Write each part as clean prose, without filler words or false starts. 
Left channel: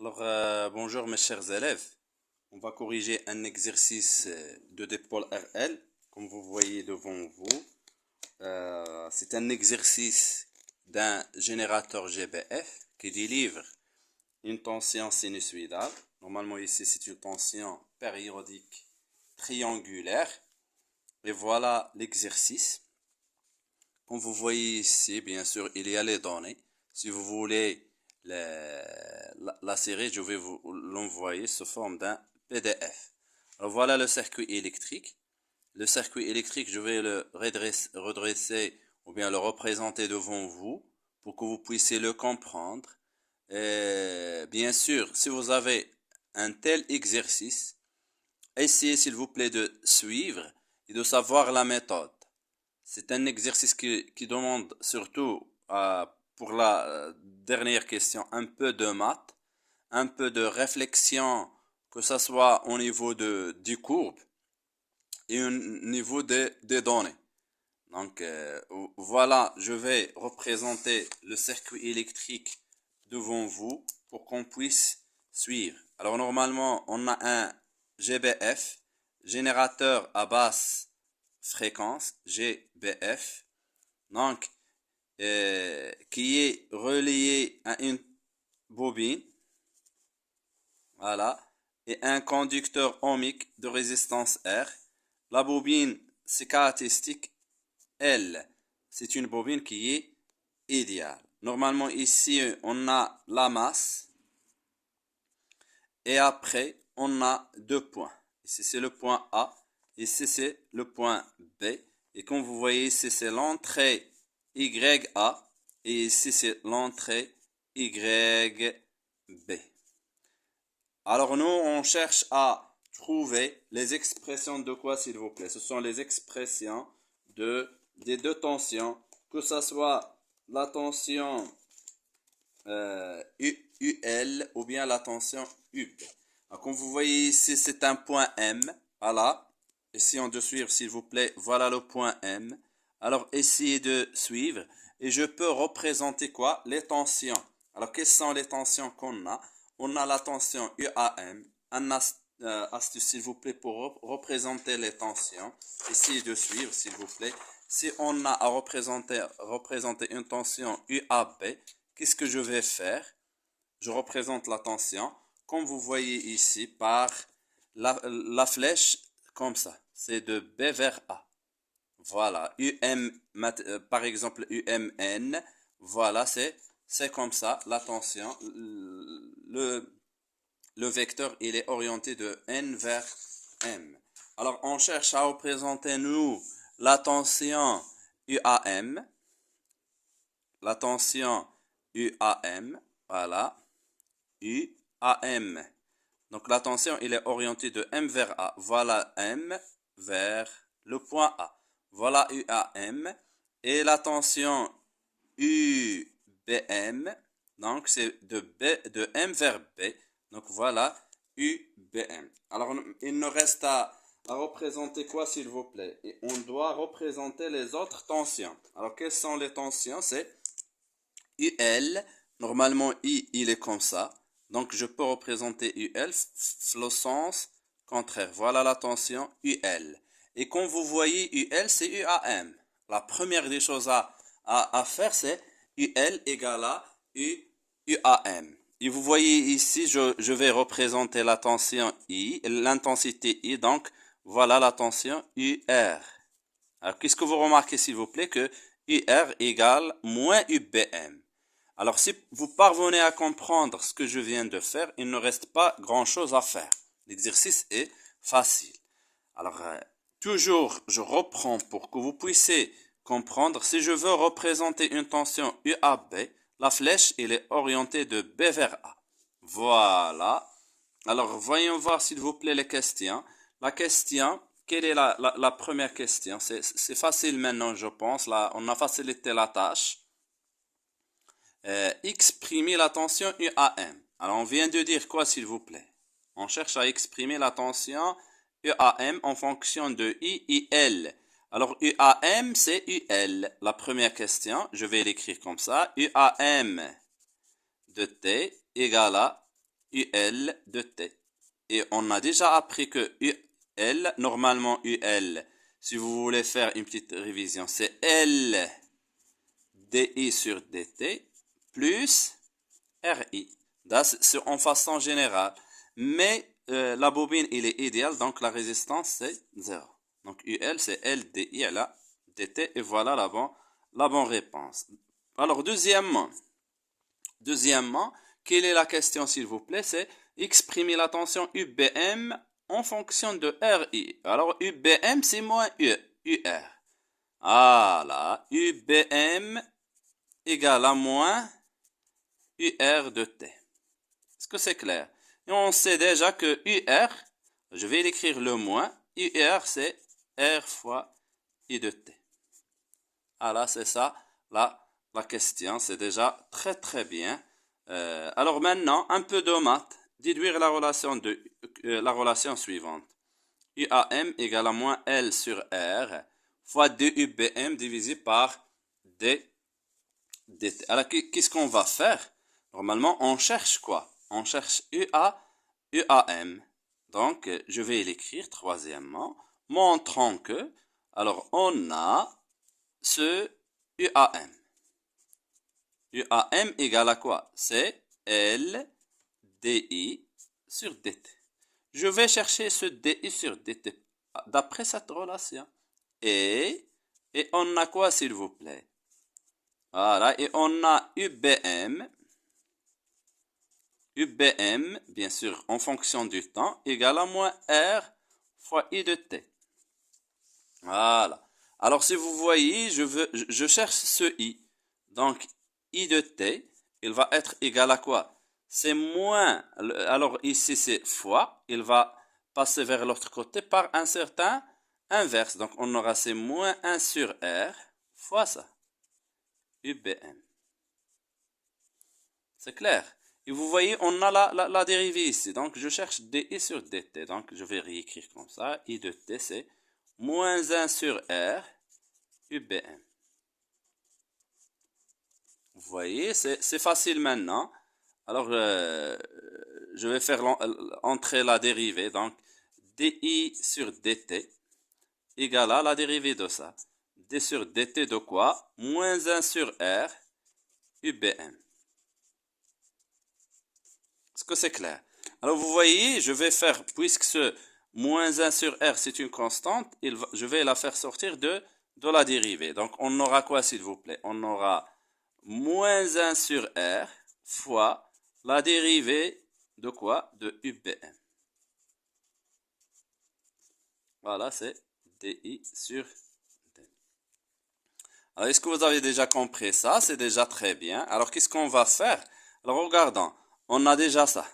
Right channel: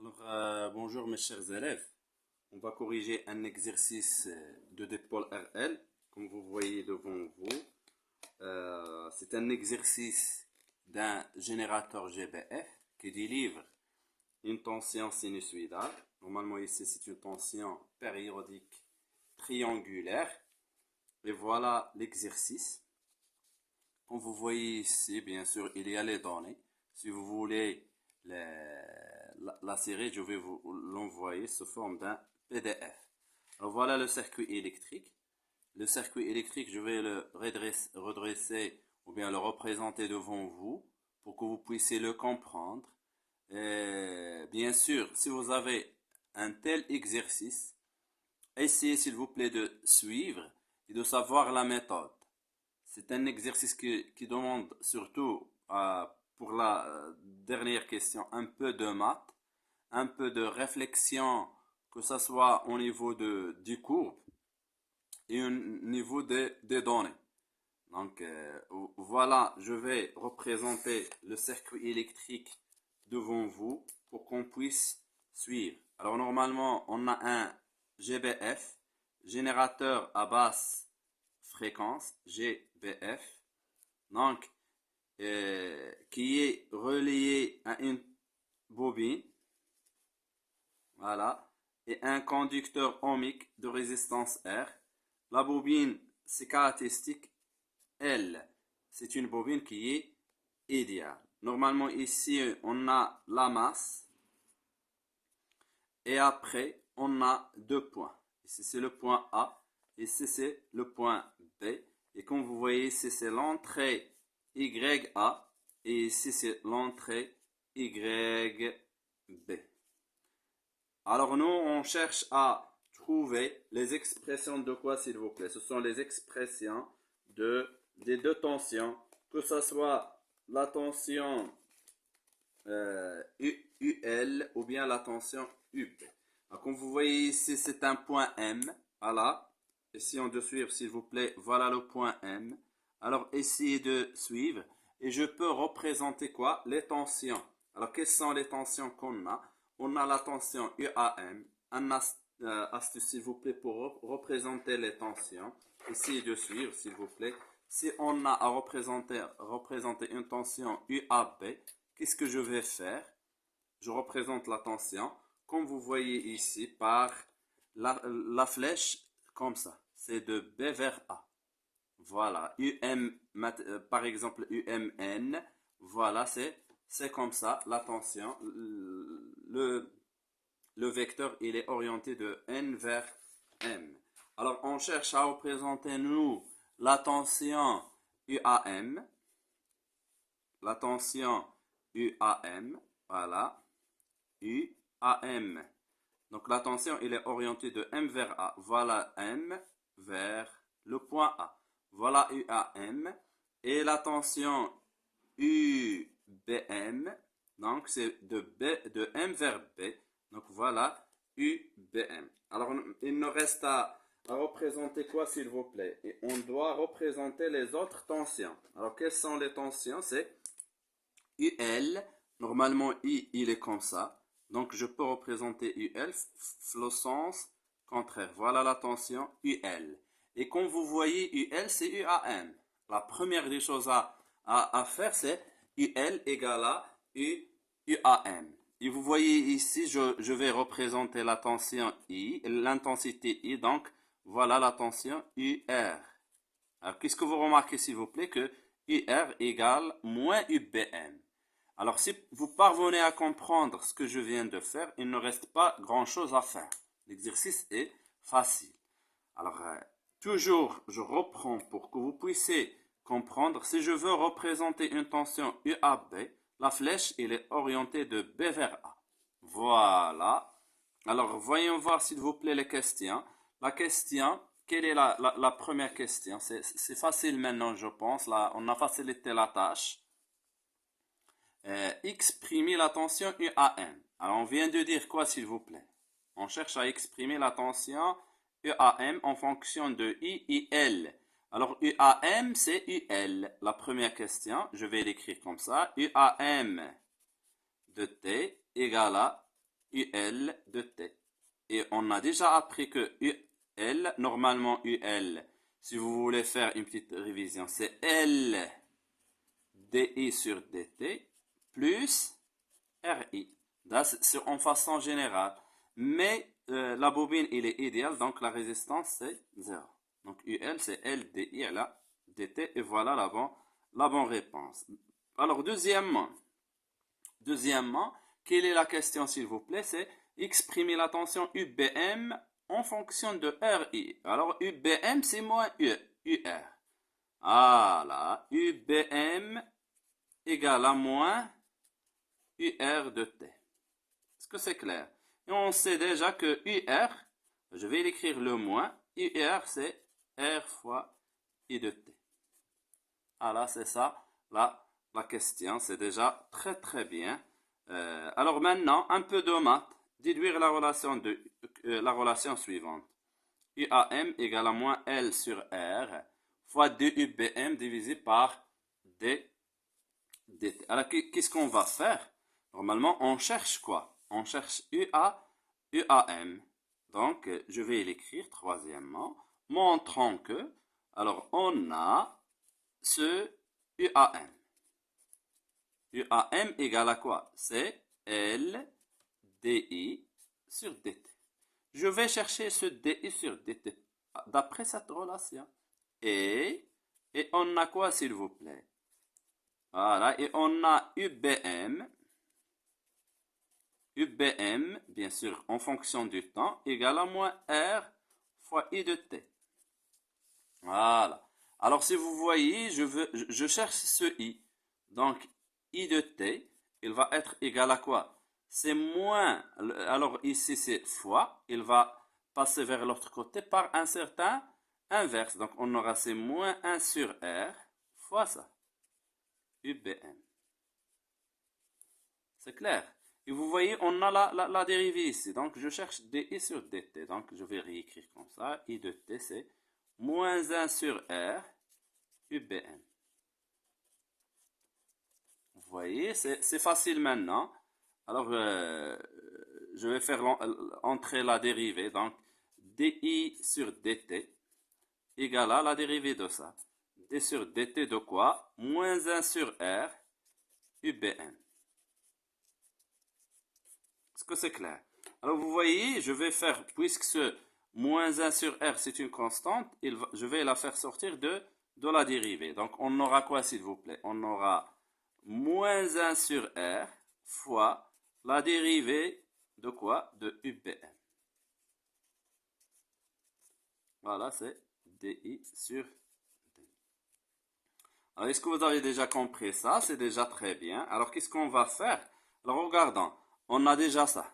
Bonjour mes chers élèves. On va corriger un exercice de dipôle RL, comme vous voyez devant vous. C'est un exercice d'un générateur GBF qui délivre une tension sinusoïdale. Normalement ici c'est une tension périodique triangulaire. Et voilà l'exercice. Comme vous voyez ici, bien sûr, il y a les données. Si vous voulez la série, je vais vous l'envoyer sous forme d'un PDF. Alors voilà le circuit électrique. Le circuit électrique, je vais le redresser ou bien le représenter devant vous pour que vous puissiez le comprendre. Et bien sûr, si vous avez un tel exercice, essayez s'il vous plaît de suivre et de savoir la méthode. C'est un exercice qui demande surtout pour la dernière question un peu de maths, un peu de réflexion, que ce soit au niveau du courbes et au niveau des données. Donc voilà, je vais représenter le circuit électrique devant vous pour qu'on puisse suivre. Alors normalement, on a un GBF, générateur à basse fréquence, GBF, donc qui est relié à une bobine, voilà, et un conducteur ohmique de résistance R. La bobine, ses caractéristiques L, c'est une bobine qui est idéale. Normalement, ici, on a la masse. Et après, on a deux points. Ici, c'est le point A. Ici, c'est le point B. Et comme vous voyez, ici, c'est l'entrée YA. Et ici, c'est l'entrée YB. Alors, nous, on cherche à trouver les expressions de quoi, s'il vous plaît? Ce sont les expressions des deux tensions, que ce soit la tension UL ou bien la tension UB. Alors, comme vous voyez ici, c'est un point M. Voilà. Essayons de suivre, s'il vous plaît. Voilà le point M. Alors, essayez de suivre. Et je peux représenter quoi? Les tensions. Alors, quelles sont les tensions qu'on a? On a la tension UAM. Un astuce, s'il vous plaît, pour représenter les tensions. Essayez de suivre, s'il vous plaît. Si on a à représenter une tension UAB, qu'est-ce que je vais faire? Je représente la tension, comme vous voyez ici, par la flèche, comme ça. C'est de B vers A. Voilà, par exemple UMN, voilà, c'est comme ça, la tension. Le vecteur, il est orienté de N vers M. Alors, on cherche à représenter, nous, la tension UAM. La tension UAM, voilà, UAM. Donc la tension, il est orienté de M vers A. Voilà M vers le point A. Voilà UAM. Et la tension UBM, donc c'est de M vers B. Donc voilà UBM. Alors il nous reste à représenter quoi, s'il vous plaît? Et on doit représenter les autres tensions. Alors quelles sont les tensions? C'est UL. Normalement, I, il est comme ça. Donc, je peux représenter UL, le sens contraire. Voilà la tension UL. Et comme vous voyez, UL, c'est UAM. La première des choses à faire, c'est UL égale à UAM. Et vous voyez ici, je vais représenter la tension I, l'intensité I. Donc, voilà la tension UR. Alors, qu'est-ce que vous remarquez, s'il vous plaît, que UR égale moins UBM. Alors, si vous parvenez à comprendre ce que je viens de faire, il ne reste pas grand-chose à faire. L'exercice est facile. Alors, toujours, je reprends pour que vous puissiez comprendre. Si je veux représenter une tension UAB, la flèche, elle est orientée de B vers A. Voilà. Alors, voyons voir, s'il vous plaît, les questions. La question, quelle est la première question? C'est facile maintenant, je pense. Là, on a facilité la tâche. Exprimer la tension UAM. Alors, on vient de dire quoi, s'il vous plaît? On cherche à exprimer la tension UAM en fonction de I et L. Alors, UAM, c'est UL. La première question, je vais l'écrire comme ça. UAM de T égale à UL de T. Et on a déjà appris que UL, normalement UL, si vous voulez faire une petite révision, c'est L DI sur DT plus RI. C'est en façon générale. Mais la bobine, il est idéal, donc la résistance, c'est 0. Donc UL, c'est LDI là, DT, et voilà la bonne réponse. Alors, deuxièmement, quelle est la question, s'il vous plaît? C'est exprimer la tension UBM en fonction de RI. Alors, UBM, c'est moins UR. Voilà, UBM égale à moins UR de T. Est-ce que c'est clair? Et on sait déjà que UR, je vais l'écrire le moins, UR c'est R fois I de T. Voilà, c'est ça la question, c'est déjà très très bien. Alors maintenant, un peu de maths, déduire la relation suivante. UAM égale à moins L sur R fois 2UBM divisé par D dt. Alors, qu'est-ce qu'on va faire? Normalement, on cherche quoi? On cherche UAM. Donc, je vais l'écrire troisièmement, montrant que, alors, on a ce UAM. UAM égale à quoi? C'est LDI sur DT. Je vais chercher ce DI sur DT d'après cette relation. Et on a quoi, s'il vous plaît? Voilà, et on a UBM, bien sûr, en fonction du temps, égale à moins R fois I de T. Voilà. Alors, si vous voyez, je cherche ce I. Donc, I de T, il va être égal à quoi? C'est moins, alors ici c'est fois, il va passer vers l'autre côté par un certain inverse. Donc, on aura c'est moins 1 sur R fois ça. UBM. C'est clair. Et vous voyez, on a la dérivée ici. Donc, je cherche DI sur DT. Donc, je vais réécrire comme ça. I de T, c'est moins 1 sur R UBM. Vous voyez, c'est facile maintenant. Alors, je vais faire entrer la dérivée. Donc, DI sur DT égale à la dérivée de ça. D sur DT de quoi? Moins 1 sur R UBM. Est-ce que c'est clair? Alors, vous voyez, je vais faire, puisque ce moins 1 sur R, c'est une constante, je vais la faire sortir de la dérivée. Donc, on aura quoi, s'il vous plaît? On aura moins 1 sur R fois la dérivée de quoi? De UBM. Voilà, c'est DI sur D. Alors, est-ce que vous avez déjà compris ça? C'est déjà très bien. Alors, qu'est-ce qu'on va faire? Alors, regardons. On a déjà ça.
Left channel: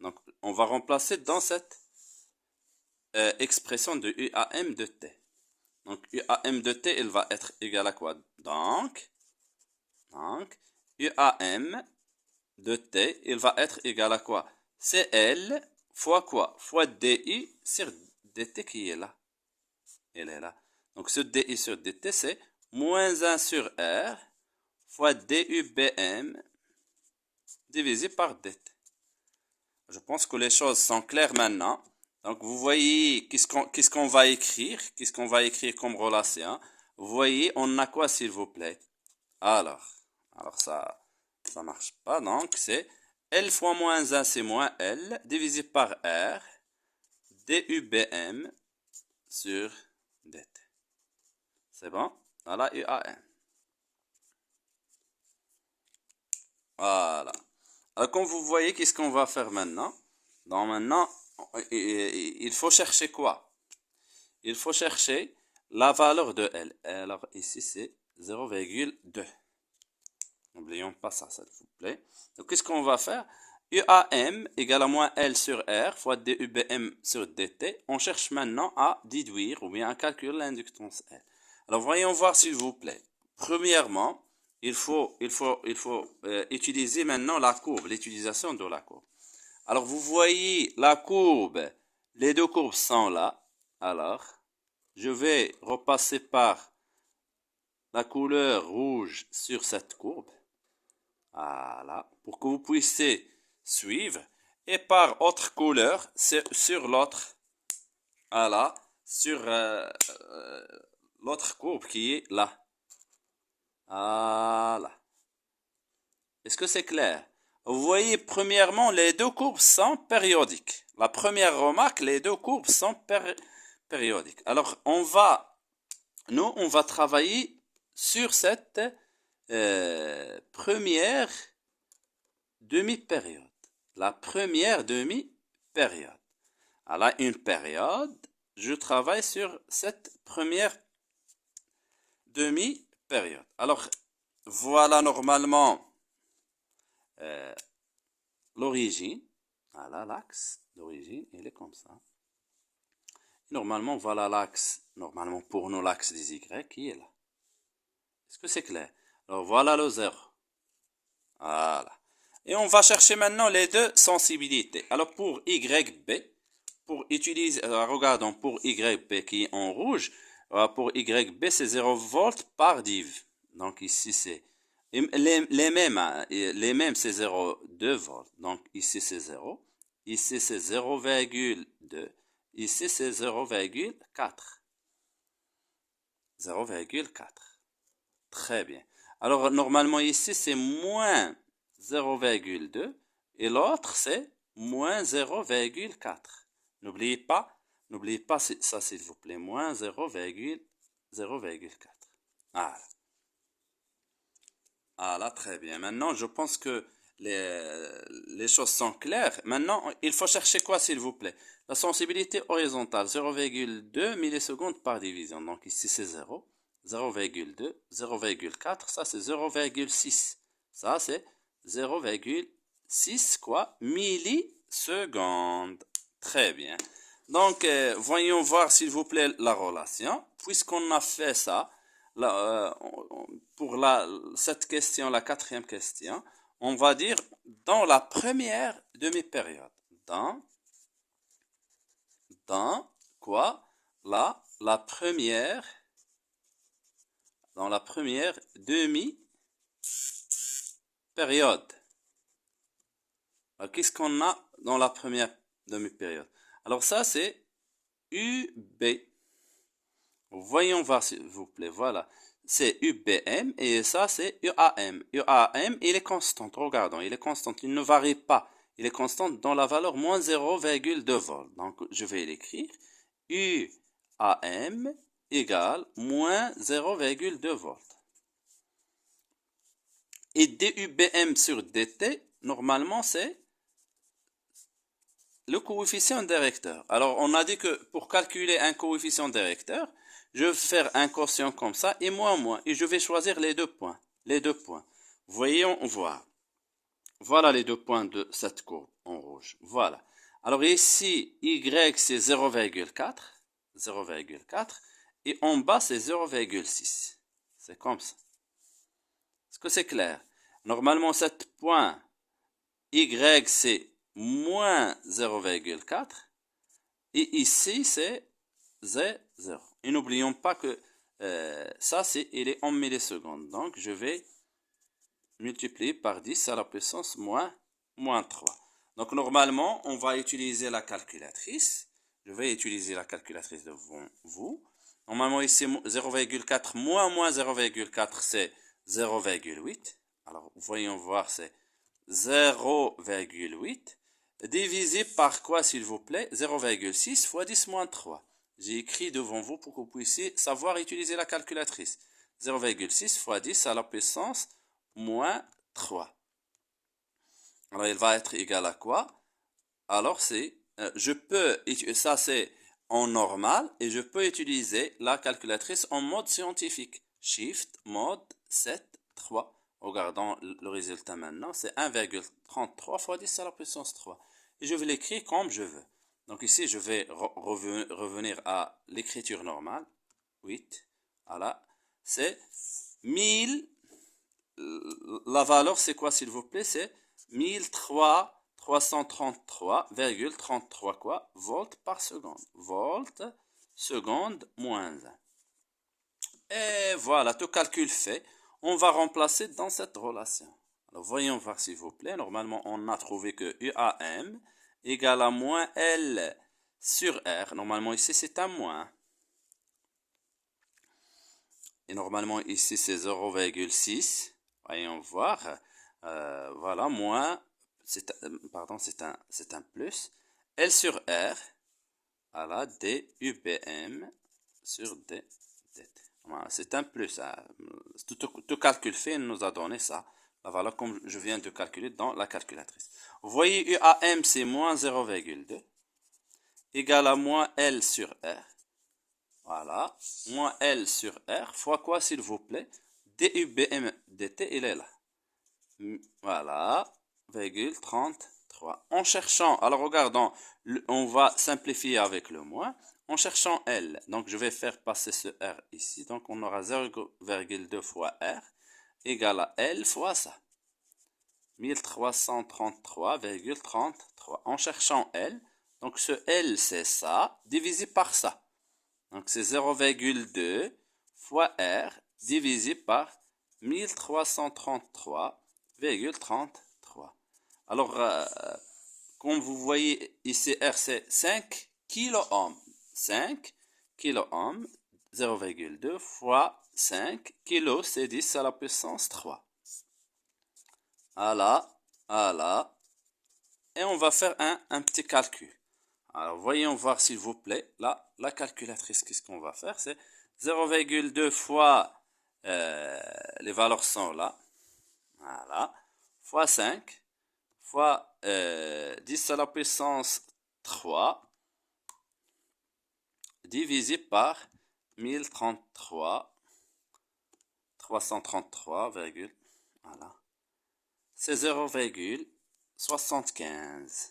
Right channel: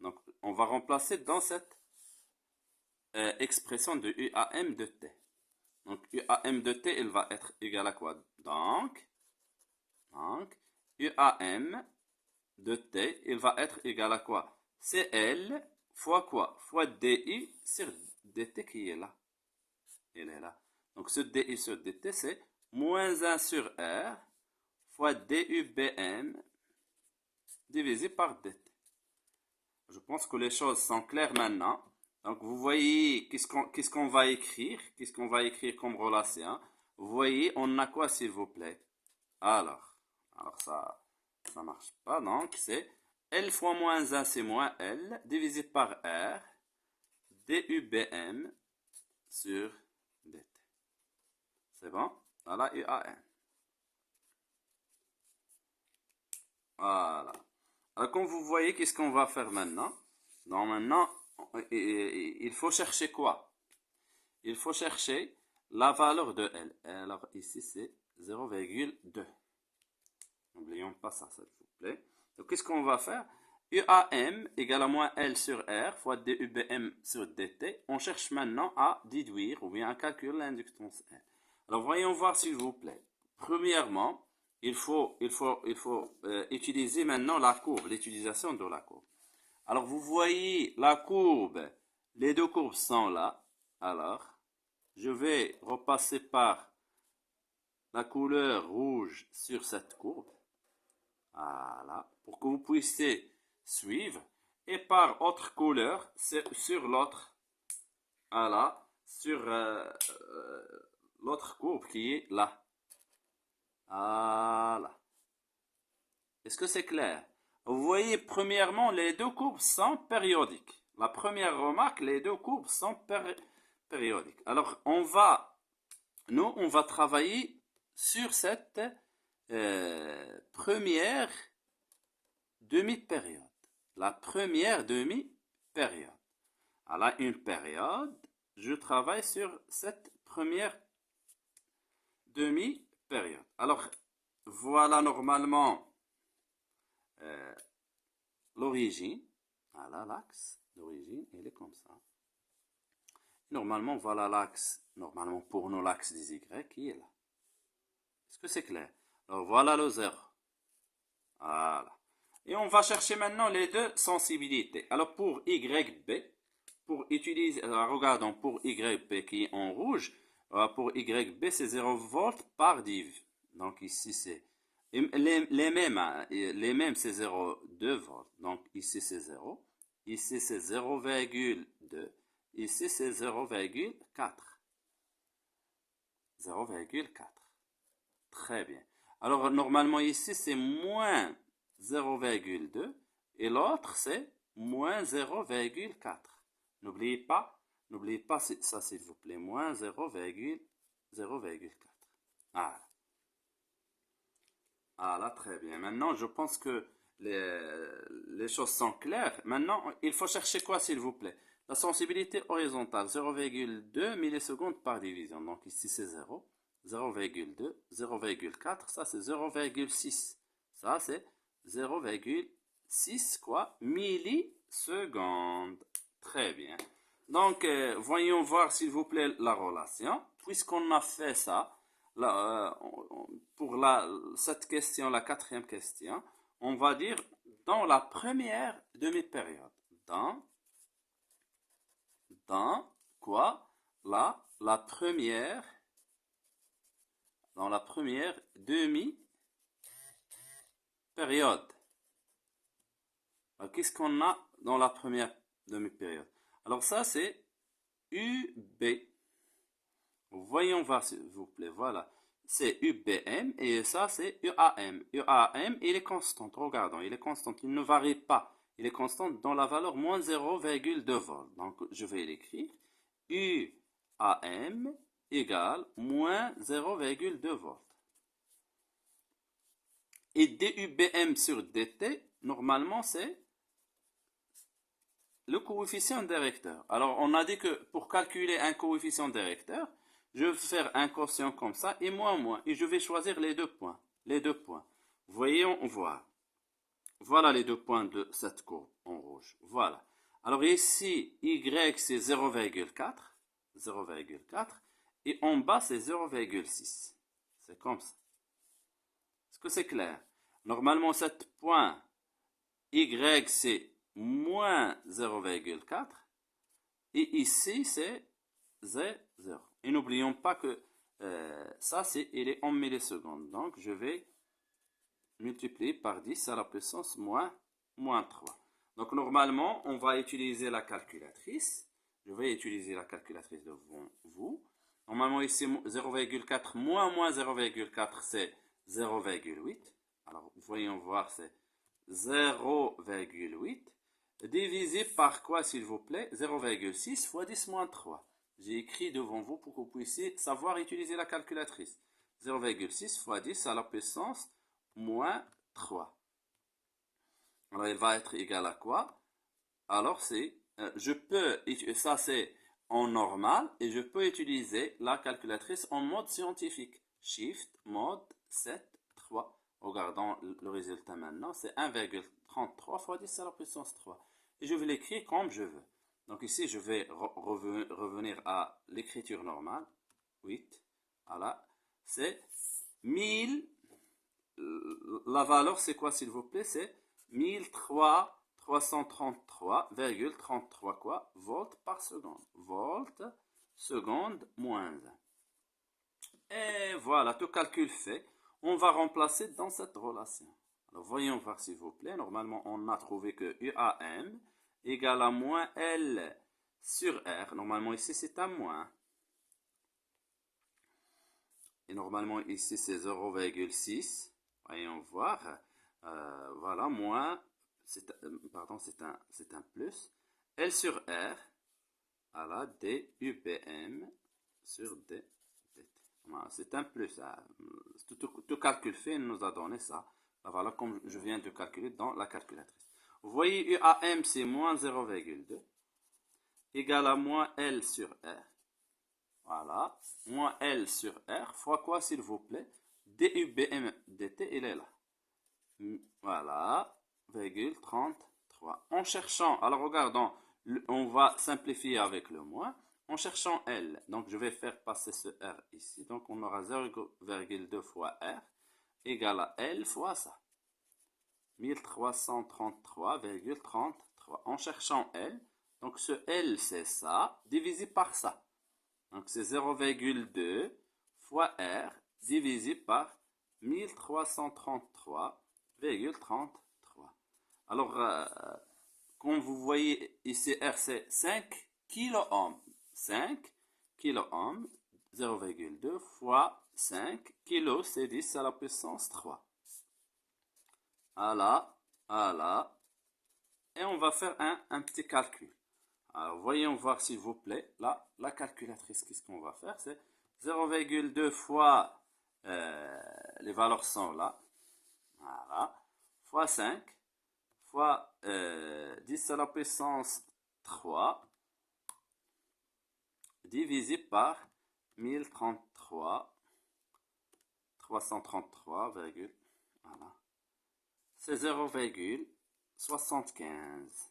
Donc, on va remplacer dans cette expression de UAM de T. Donc, UAM de T, il va être égal à quoi? Donc, UAM de T, il va être égal à quoi? C'est L fois quoi? Fois DI sur DT qui est là. Elle est là. Donc, ce DI sur DT, c'est moins 1 sur R fois DUBM divisé par DT. Je pense que les choses sont claires maintenant. Donc, vous voyez, qu'est-ce qu'on va écrire? Qu'est-ce qu'on va écrire comme relation? Vous voyez, on a quoi, s'il vous plaît? Alors ça marche pas. Donc, c'est L fois moins 1, c'est moins L, divisé par R, DUBM sur DT. C'est bon? Voilà, UAM. Voilà. Alors, comme vous voyez, qu'est-ce qu'on va faire maintenant? Donc, maintenant, il faut chercher quoi? Il faut chercher la valeur de L. Alors, ici, c'est 0,2. N'oublions pas ça, s'il vous plaît. Donc, qu'est-ce qu'on va faire? UAM égale à moins L sur R fois DUBM sur DT. On cherche maintenant à déduire ou bien à calculer l'inductance L. Alors, voyons voir, s'il vous plaît. Premièrement, il faut utiliser maintenant la courbe, l'utilisation de la courbe. Alors, vous voyez la courbe, les deux courbes sont là. Alors, je vais repasser par la couleur rouge sur cette courbe. Voilà, pour que vous puissiez suivre. et par autre couleur sur l'autre, voilà, sur l'autre courbe qui est là. Voilà. Est-ce que c'est clair? Vous voyez, premièrement, les deux courbes sont périodiques. La première remarque, les deux courbes sont périodiques. Alors, on va travailler sur cette première demi-période. La première demi-période. Alors, une période, je travaille sur cette première demi-période. Alors, voilà normalement l'origine. Voilà l'axe d'origine, il est comme ça. Normalement, voilà l'axe, normalement pour nous, l'axe des Y qui est là. Est-ce que c'est clair? Alors, voilà le 0. Voilà. Et on va chercher maintenant les deux sensibilités. Alors, pour YB, pour utiliser, regardons pour YB qui est en rouge, pour YB, c'est 0 volts par div. Donc, ici, c'est les mêmes, c'est 0,2 volts. Donc, ici, c'est 0. Ici, c'est 0,2. Ici, c'est 0,4. 0,4. Très bien. Alors, normalement, ici, c'est moins 0,2 et l'autre, c'est moins 0,4. N'oubliez pas ça, s'il vous plaît, moins 0,4. Voilà. Voilà, très bien. Maintenant, je pense que les choses sont claires. Maintenant, il faut chercher quoi, s'il vous plaît? La sensibilité horizontale, 0,2 millisecondes par division. Donc ici, c'est 0. 0,2, 0,4, ça c'est 0,6. Ça c'est 0,6 quoi? Millisecondes. Très bien. Donc, voyons voir s'il vous plaît la relation. Puisqu'on a fait ça, pour cette question, la quatrième question, on va dire dans la première demi-période. Dans quoi? La première, dans la première demi-période. Qu'est-ce qu'on a dans la première demi-période? Alors ça, c'est UB. Voyons voir, s'il vous plaît. Voilà. C'est UBM et ça, c'est UAM. UAM, il est constant. Regardons, il est constant. Il ne varie pas. Il est constant dans la valeur moins 0,2 volts. Donc, je vais l'écrire. UAM égale moins 0,2 volts. Et DUBM sur DT, normalement, c'est le coefficient directeur. Alors, on a dit que pour calculer un coefficient directeur, je vais faire un quotient comme ça et moins. Et je vais choisir les deux points. Voyons voir. Voilà les deux points de cette courbe en rouge. Voilà. Alors ici, Y c'est 0,4. Et en bas c'est 0,6. C'est comme ça. Est-ce que c'est clair? Normalement, cet point Y c'est moins 0,4 et ici c'est 0. Et n'oublions pas que ça il est en millisecondes. Donc je vais multiplier par 10 à la puissance moins 3. Donc normalement on va utiliser la calculatrice. Je vais utiliser la calculatrice devant vous. Normalement ici 0,4 moins 0,4 c'est 0,8. Alors voyons voir, c'est 0,8 divisé par quoi, s'il vous plaît? 0,6 fois 10 moins 3. J'ai écrit devant vous pour que vous puissiez savoir utiliser la calculatrice. 0,6 fois 10 à la puissance moins 3. Alors, il va être égal à quoi? Alors, ça c'est en normal, et je peux utiliser la calculatrice en mode scientifique. Shift, mode 7, 3. Regardons le résultat maintenant, c'est 1,33 fois 10 à la puissance 3. Et je vais l'écrire comme je veux. Donc ici, je vais revenir à l'écriture normale. 8, voilà. C'est 1000. La valeur, c'est quoi, s'il vous plaît? C'est 1333,33 quoi? Volts par seconde. Volts, seconde, moins 1. Et voilà, tout calcul fait. On va remplacer dans cette relation. Alors, voyons voir, s'il vous plaît. Normalement, on a trouvé que UAM, égale à moins L sur R. Normalement, ici, c'est un moins. Et normalement, ici, c'est 0,6. Voyons voir. Voilà, moins, pardon, c'est un plus. L sur R, voilà, D, UBM sur D. Voilà, c'est un plus. Hein. Tout calcul fait, il nous a donné ça. La valeur comme je viens de calculer dans la calculatrice. Vous voyez, UAM, c'est moins 0,2. Égal à moins L sur R. Voilà, moins L sur R, fois quoi s'il vous plaît? DUBM dt, il est là. Voilà, virgule 33. En cherchant, alors regardons, on va simplifier avec le moins. En cherchant L, donc je vais faire passer ce R ici, donc on aura 0,2 fois R égale à L fois ça. 1333,33. En cherchant L, donc ce L c'est ça, divisé par ça. Donc c'est 0,2 fois R divisé par 1333,33. Alors, comme vous voyez ici, R c'est 5 kiloohms. 5 kiloohms, 0,2 fois 5 kilo, c'est 10 à la puissance 3. Voilà, voilà. Et on va faire un petit calcul. Alors, voyons voir s'il vous plaît. Là, la calculatrice, qu'est-ce qu'on va faire? C'est 0,2 fois, les valeurs sont là. Voilà. Fois 5, fois 10 à la puissance 3, divisé par 1033, 333, voilà. C'est 0,75.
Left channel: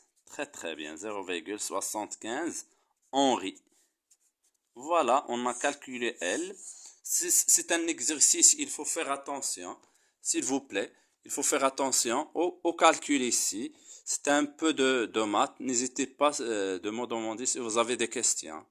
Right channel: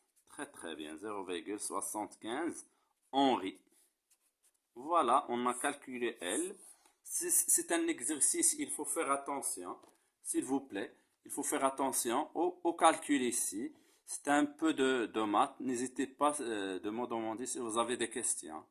Très bien, 0,75 Henri. Voilà, on a calculé L. C'est un exercice, il faut faire attention, s'il vous plaît. Il faut faire attention au calcul ici. C'est un peu de maths. N'hésitez pas de me demander si vous avez des questions.